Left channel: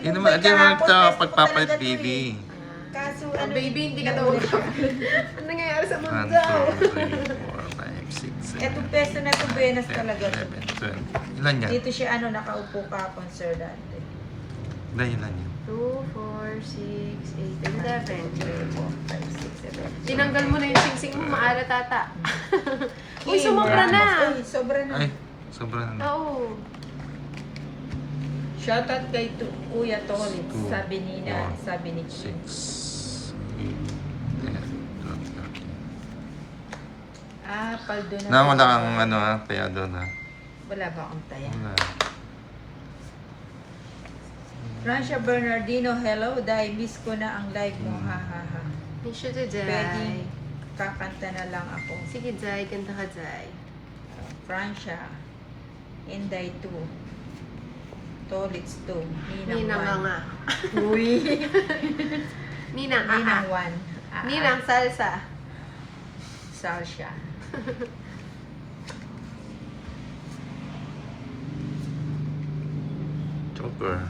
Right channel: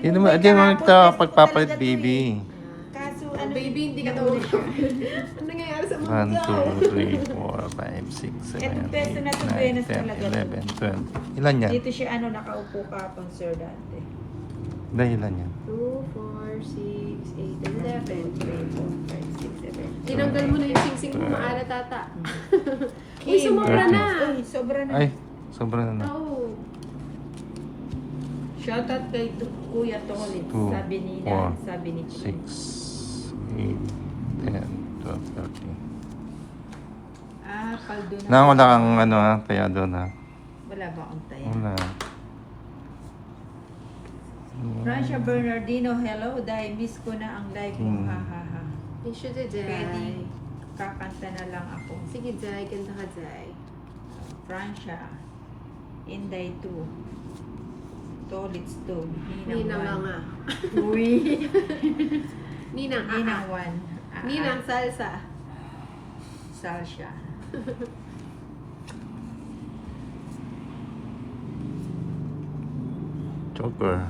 Hindi naman, hindi naman ito pagpapalit, baby. Kaso Ang baby, hindi ka tawag. Ano nangyayari sa mundo? 1, 2, 3, 4, 5, 6, 7, Etong peso na ito, Buenas 10, talaga. 11, 12. Ilan yan? Dito siya nakaupo ka, Sir Dante. Ilan yan? 2, 4, 6, 8, 11, 12, 13, 14, 15, 16, 17. Tinanggal mo na yung singsing mo, maala tata. Uy, sumobra na. Ay, sobra na. Ay, sobra na. Oo. Shoutout kay Kuya Tolit, Two, sabi ni four, sabi ni 6, 8, 10, 12, 13. Paldo na. Nauna kang ano ha, kaya doon ha. Wala ba akong tayo? Wala. Francia Bernardino, hello. Dahil miss ko na ang live mo. Ha, ha, ha. Miss you to Jai. Pwede, kakanta na lang ako. Sige, Jai. Ganda ka, Jai. Francia, Inday 2, Tolits 2, Ninang Ninang nga. 1. Uy! Ninang Ninang aha. 1. Ninang salsa. Sasha. Chopper.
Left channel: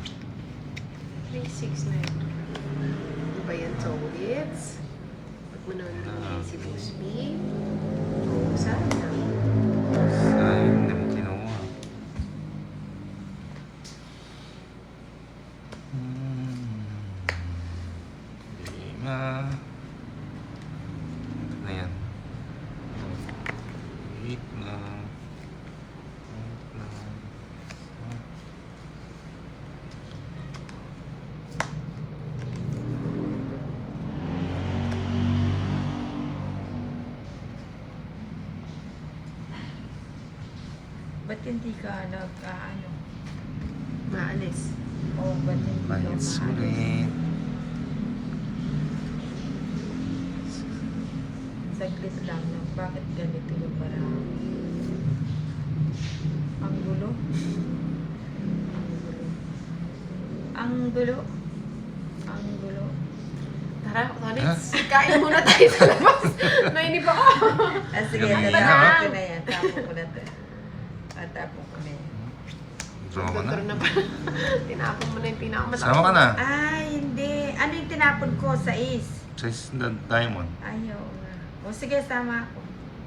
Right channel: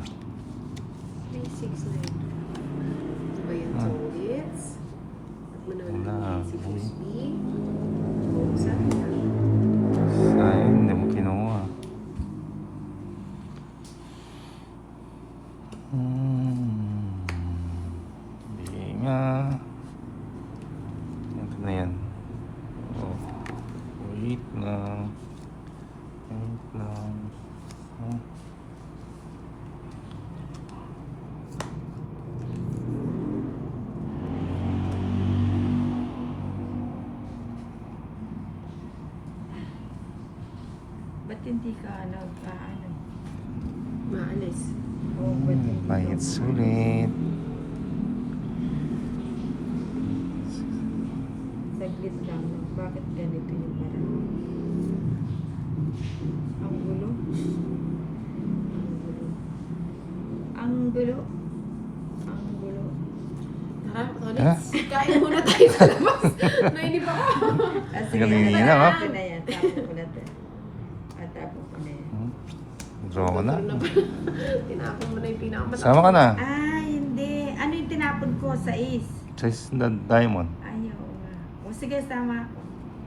36 na yun. Ano ba yan? Solits. Manang si Busby. Saan na? Sayang, hindi mo kinuha. Hindi na. Ito na yan. Wait na. Wait na. Ba't hindi ka nag-ano? Naalis. Oh, ba't hindi ka- Bayad sulit. Saglit lang. Bakit ganito yung parang... Ang gulo. Ang gulo. Ang gulo. Tara, Solits. Kain muna tayo sa labas. Nainip ako. Sige, Ganun tapo na, ha? ko na yan. Tapo ko na to. Tapo ko na yan. Draw ka na. Tinapon mo na yung pinakamalaki. Sama ka na. Ay, hindi. Ano yung tinapon ko sa is? Chase the diamond. Ayaw nga. O sige, sama.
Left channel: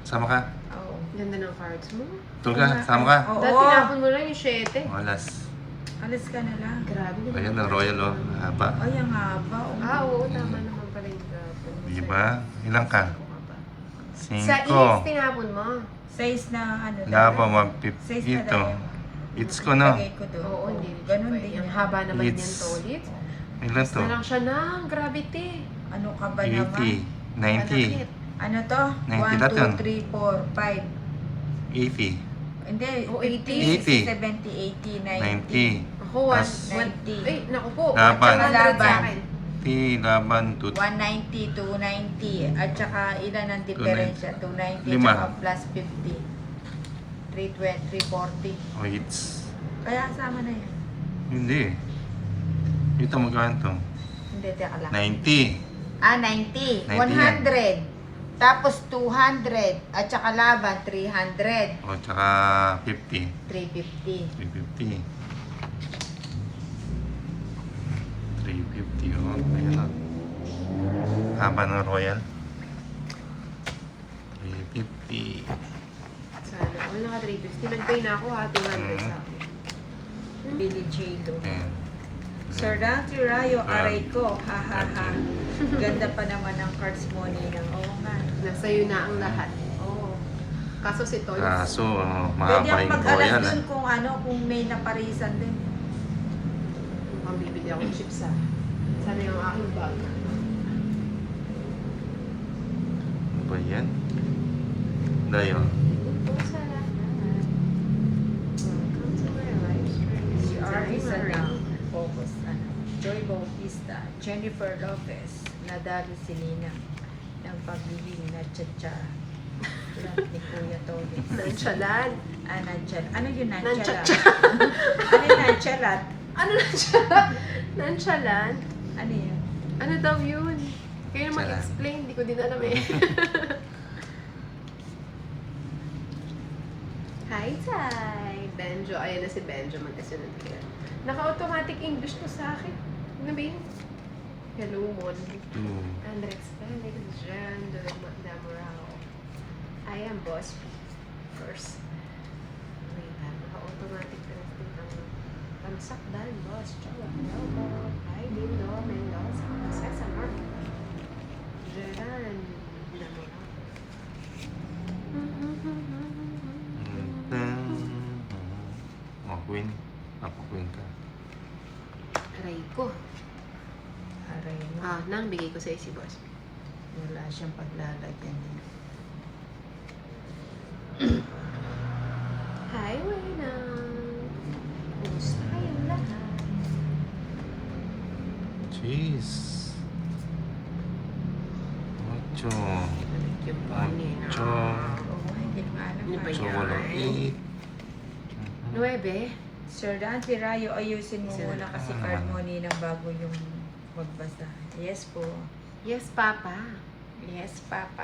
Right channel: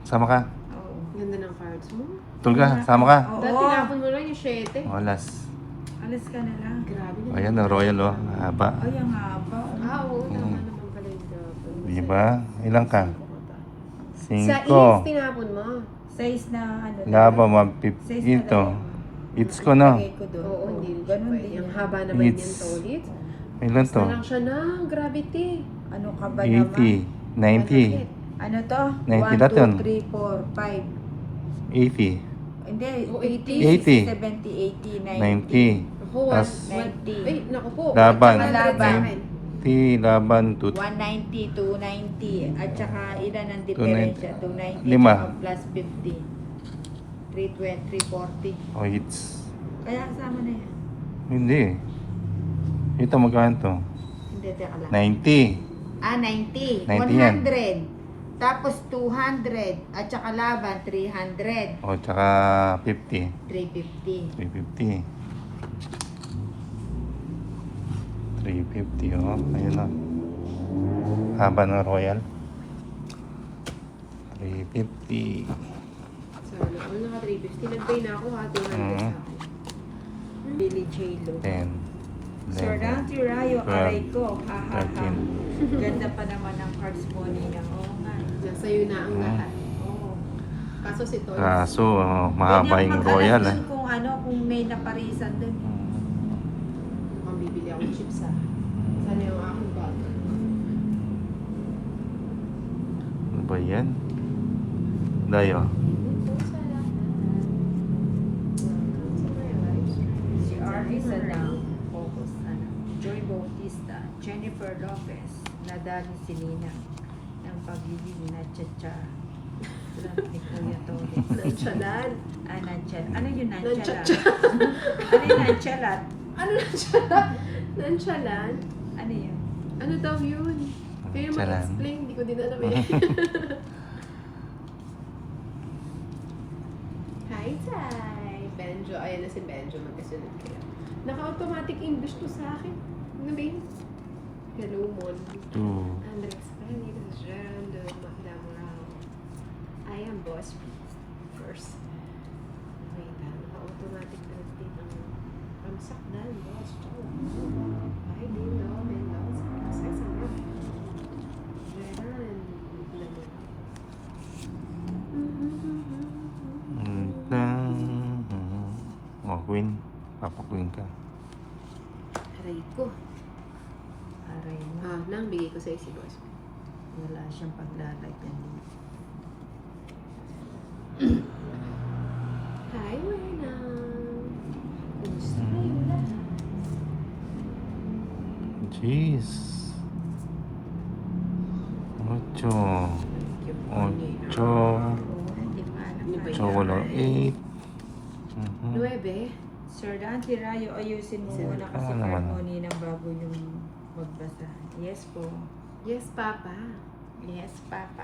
Sama ka. Oo. Ganda ng cards mo. Tul ka. Sama ka. Oo. Dahil tinapon mo lang yung 7. Walas. Alas ka na lang. Grabe na. Ayan, ang royal oh. Haba. Ay, ang haba. Oh. Ah, oo. Tama naman pala yung cards. Diba? Ilang ka? Sa is, 5. tinapon mo. Size na ano. Laba, Size 150 na ito. lang. It's ko no. Lagay ko doon. Oo, hindi. Ganun Pwede. din. Yung haba naman yan, It's- Solits. Ilan to? Na lang siya na. Gravity. Ano ka ba naman? 80. 90. Ano to? 90 lahat yun. 1, 2, 3, 4, 5. 80. Hindi, Oh, 50, 80. 60, 70, 80, 90. 90. Ako, Tas, 90. Ay, naku po. Laban. At saka Laban. 80, laban, 2. 190, 290. At saka ilan ang diferensya? 290 Lima. tsaka plus 50. 320, 340. Oh, it's... Kaya kasama na yan. Hindi. Ito magkano to? Hindi, teka lang. 90. 90. 90 yan. 100. Tapos 200. At saka laban, 300. O, tsaka 50. 350. 350. 350, oh. Ayun lang. Haba ng royal. 350. Sana. Ano naka 350? Nag-pay na ako ha. Mhm. Billy J. 10. Sir Dante Rayo, aray ko. Ha, ha, ha. 13. Ganda pa naman ang cards mo niya. Oo nga. Nasa iyo na ang lahat. Oo. Kaso si Toy. So, Pwede mahaba ako yung mag-alas royal. dun kung ano, kung may naparisan dun. Ang bibili ako ng chips ha. Sana yung aking bag. Ano ba yan? Dayo. Si R.E. Sadang, Focus, Joy Bautista, Jennifer Lopez, nadali si Nina ng pagiging na tsa-tsa ni Kuya Tony. Nantsalan. Ano yun Nantsalat. Ano yung nantsalat? Ano nantsalan? Nantsalan? Ano yun? Ano daw yun? Kaya na Nantsalan. mag-explain. Hindi ko din alam eh. Hi, Tay! Benjo. Ayan na si Benjo. Magkasunod kaya. Naka-automatic English to sa akin. Ano ba yun? Hello, Mon. 2. Andrex Felix, Jean, Lamoral. I am boss. First. Wait, naka-automatic connecting ang sakdan, boss. Jowa. Ay, dito. May lots. Sasama. Jean. Oh, Queen. Ako Queen ka. Aray ko. Aray mo. Nang bigay ko sa'yo si boss. Wala siyang paglalagyan niya. Hi, Wena. Kumusta kayo lahat? Jeez. Mucho. Mucho. So, wala 8. Nuebe? Sir Dante Rayo, ayusin mo Sir, muna kasi wala naman. harmony ng bago yung magbasa. Yes po. Yes, Papa. Yes, Papa.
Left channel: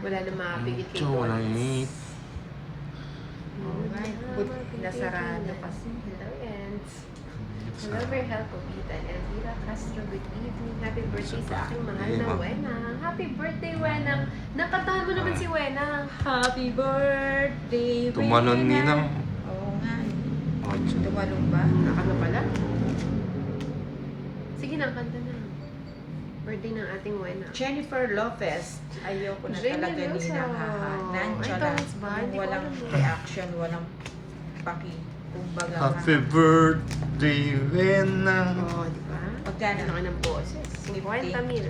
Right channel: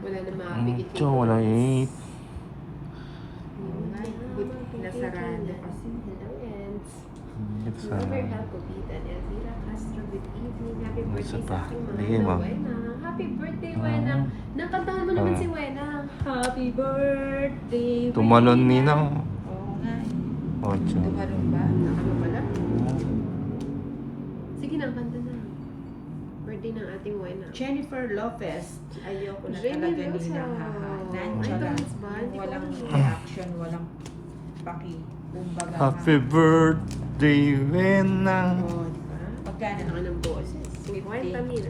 Wala na makapigil Mucho, wala 8. Oh my God. Nasaraan niyo kasi. Hello, Eds. Hello, very helpful, Ethan. Elvira Castro, good evening. Happy birthday sa aking mahal na Wenang. Happy birthday, Wenang. Nakantahan mo naman si Wenang. Happy birthday, Tumalon Rina. Ninang. Oo nga. 8. Tumalon ba? Nakano pala? Sige na, kanta na. Birthday ng ating Wenang. Jennifer Lopez. Ayoko na Jenny talaga Lopez. nilang Ay, Nandiyan comments ba? lang. Hindi ko Walang alam. reaction, walang paki. Kumbaga nga. Happy birthday, Venang. Oo, di ba? Magkano? Ano ka ng boses? 50. 50 mil.